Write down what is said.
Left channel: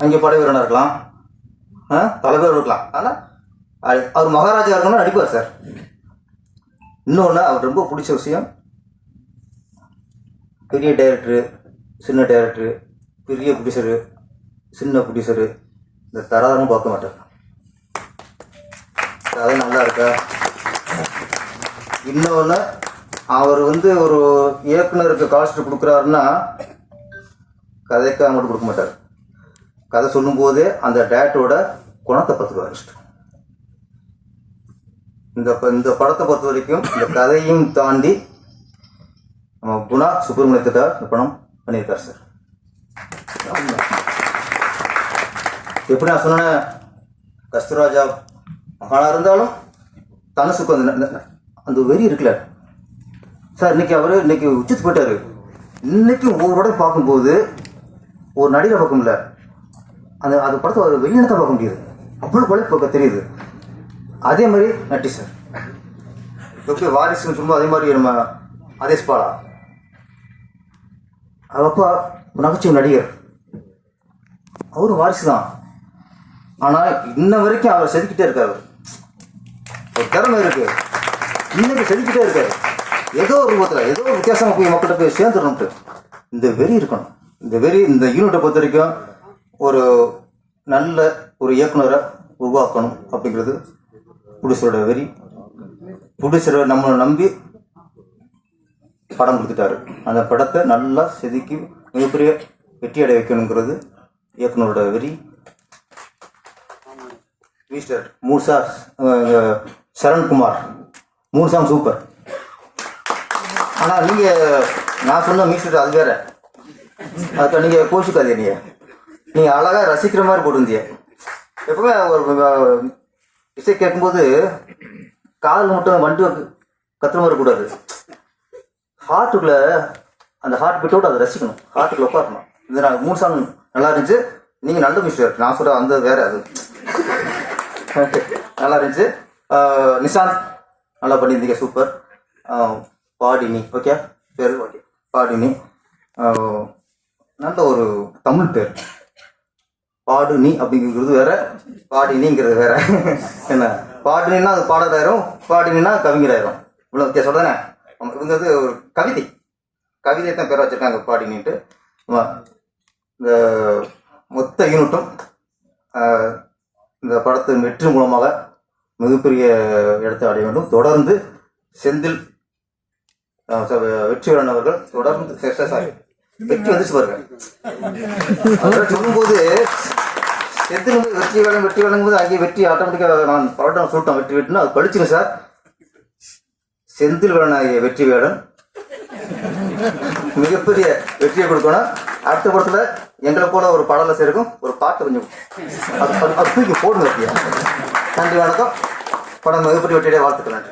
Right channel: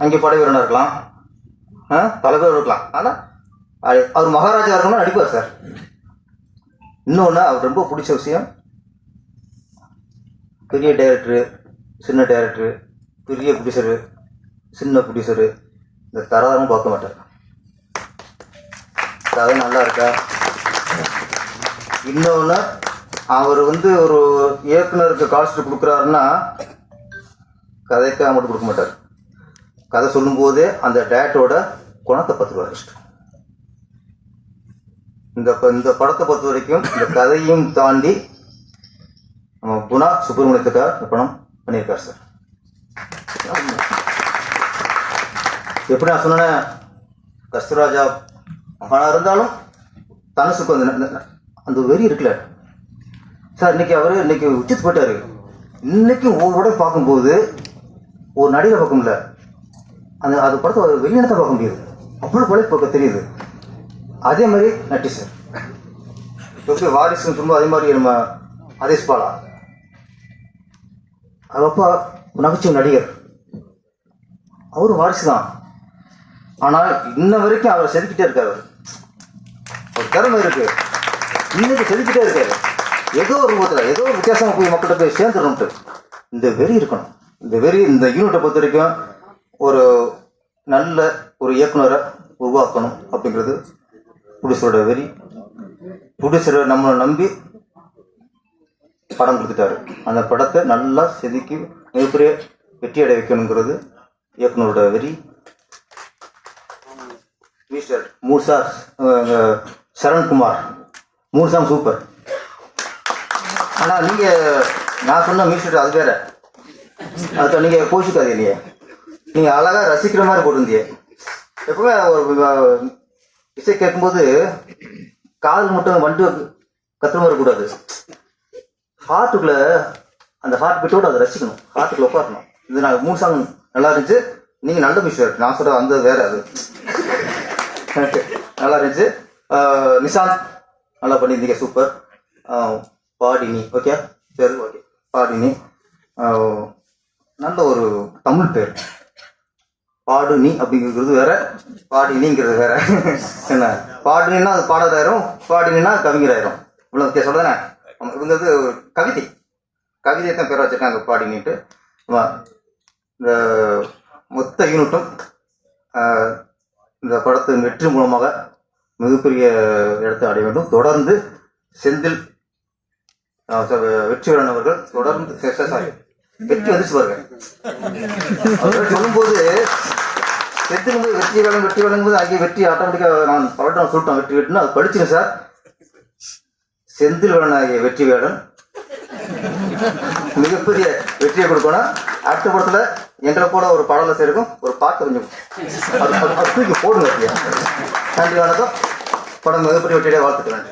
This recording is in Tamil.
அங்கே படை வீரனாக இருக்கலாம், தலைவர் இருக்கலாம். ஆனால் அவர் மகாராஜா இருக்கணும்னா நடிப்பார் சார். இன்னொன்று அவர் ரொம்ப பிடிச்ச விஷயம், பெரிய டைரக்டரு, சின்ன டைரக்டரு, பெரிய ப்ரொடியூசரு, சின்ன ப்ரொடியூசரு, இந்த தராரும் பார்க்க மாட்டார். கதை நல்லா இருக்கா. இன்னொன்று அவர் ஒரு இயக்குனருக்கு காஸ்ட் கொடுக்குறாருன்னா கதைக்கு அமௌண்ட் கொடுக்க மாட்டார். கதை சொல்லும்போதே அந்த டேரக்டரோட குணத்தை பார்த்துக்குவார். இஷ்டம் இந்த படத்தை பொறுத்த வரைக்கும் இந்த கதையும் தாண்டி நம்ம குணா சுப்பிரமணியத்திட்ட படம் பண்ணியிருக்கார் சார். எப்படி நான் சொன்னேன், கஸ்தூராஜா மகானா இருந்தாலும் தனுசுக்கு அந்த வெறி இருக்குல்ல சார். இன்னைக்கு உச்சித்து போயிட்டாரு. இன்னைக்கு ஒவ்வொரு படம் பார்க்கும்போது ஒரு நடிகரை பார்க்க முடியல, அது படத்தை ஒரு வெளியினத்தை பார்க்க முடியுது. அவ்வளோ போல தெரியுது. அதே மாதிரி நட்டி சார் வாரிசுன்னு சொல்லும்போது அதே மாதிரி நம்ம அதேஷ் பாலா அப்பா நகைச்சுவை நடிகர், அவரும் வாரிசு தான். ஆனால் இன்ன வரைக்கும் அவர் செதுக்கிட்டே இருக்காரு. அவர் திறமை இருக்கு, இன்னைக்கு செதுக்கிட்டே இருக்காரு. ஏதோ ஒரு ரூபத்தில் ஏதோ ஒரு வித்தியாசமாக போய் மக்கள்கிட்ட போய் சேர்ந்துடணும்ட்டு இந்த வெறி இருக்கணும். இந்த வெறி இந்த யூனிட்டை பொறுத்த வரைக்கும் ஒரு நல்ல ஒரு இயக்குனரை உருவாக்கணும் அப்படிங்கிறது ப்ரொடியூசரோட வெறி. ப்ரொடியூசரை நம்ம நம்பி படம் கொடுத்துட்டாரு. அந்த படத்தை நல்லா செதுக்கி மிகப்பெரிய வெற்றி அடைய வைக்கணுங்கிறது இயக்குனரோட வெறி. Mister 3 sir Sarankumar 3 song super. ஆனால் நான் சொன்ன மிஸ்டர் அது வேற. அதுக்கு நீங்கள் கோச்சிக்காதீங்க. நீங்கள் அழகாக ரசிக்கிற மாதிரி போட்டிருந்தீங்க. எப்பவுமே ஒரு இசை கேட்கும்போது கால் மட்டும் வண்டி கத்துற மாதிரி கூடாது. ஹார்ட்டுக்குள்ள அந்த ஹார்ட் பீட்டோடு அதை ரசிக்கணும், ஹார்ட்டுக்குள்ள உட்காரணும். இது நான் 3 சாங் நல்லா இருந்துச்சு. நீங்கள் நல்ல மிஸ்டர் நான் சொல்கிற அந்த வேற அது நல்லா இருந்துச்சு. நிஷாந்த் நல்லா பண்ணியிருந்தீங்க, சூப்பர். பாடினி ஓகே பேர் பாடினி, நல்ல ஒரு தமிழ் பேர். பாடுனி அப்படிங்கிறது வேற, பாடினிங்கிறது வேற. என்ன பாடுனா அது பாடலாயிரும், பாடினா கவிஞராயிரும். இவ்வளோ வித்தியாசம் தானே. நமக்கு ஒரு கவிதை தான் பேர் வச்சிருக்காங்க பாடினிட்டு. இந்த மொத்த யூனிட்டும் இந்த படத்து வெற்றி மூலமாக மிகப்பெரிய இடத்தை அடைய வேண்டும். தொடர்ந்து செந்தில் வெற்றிவேலன் அவர்கள் தொடர்ந்து வெற்றி வந்துச்சு பாருங்க. அவர் சொல்லும்போது செந்தில் வெற்றி வேலைங்கும்போது அங்கே வெற்றி ஆட்டோமேட்டிக்காக நான் படம் சொல்லிட்டோம். வெற்றி வெட்டுன்னு அது படிச்சுங்க சார். செந்தில் வேலனாகிய வெற்றி வேலன் மிகப்பெரிய வெற்றியை கொடுக்கணும். அடுத்த படத்துல எங்களை போல ஒரு பாடல சேர்க்கும் ஒரு பாட்டு கொஞ்சம் தூக்கி போடுங்க. நன்றி, வணக்கம். படம் மிகப்பெரிய வெற்றியை வாழ்த்துக்கிறேன்.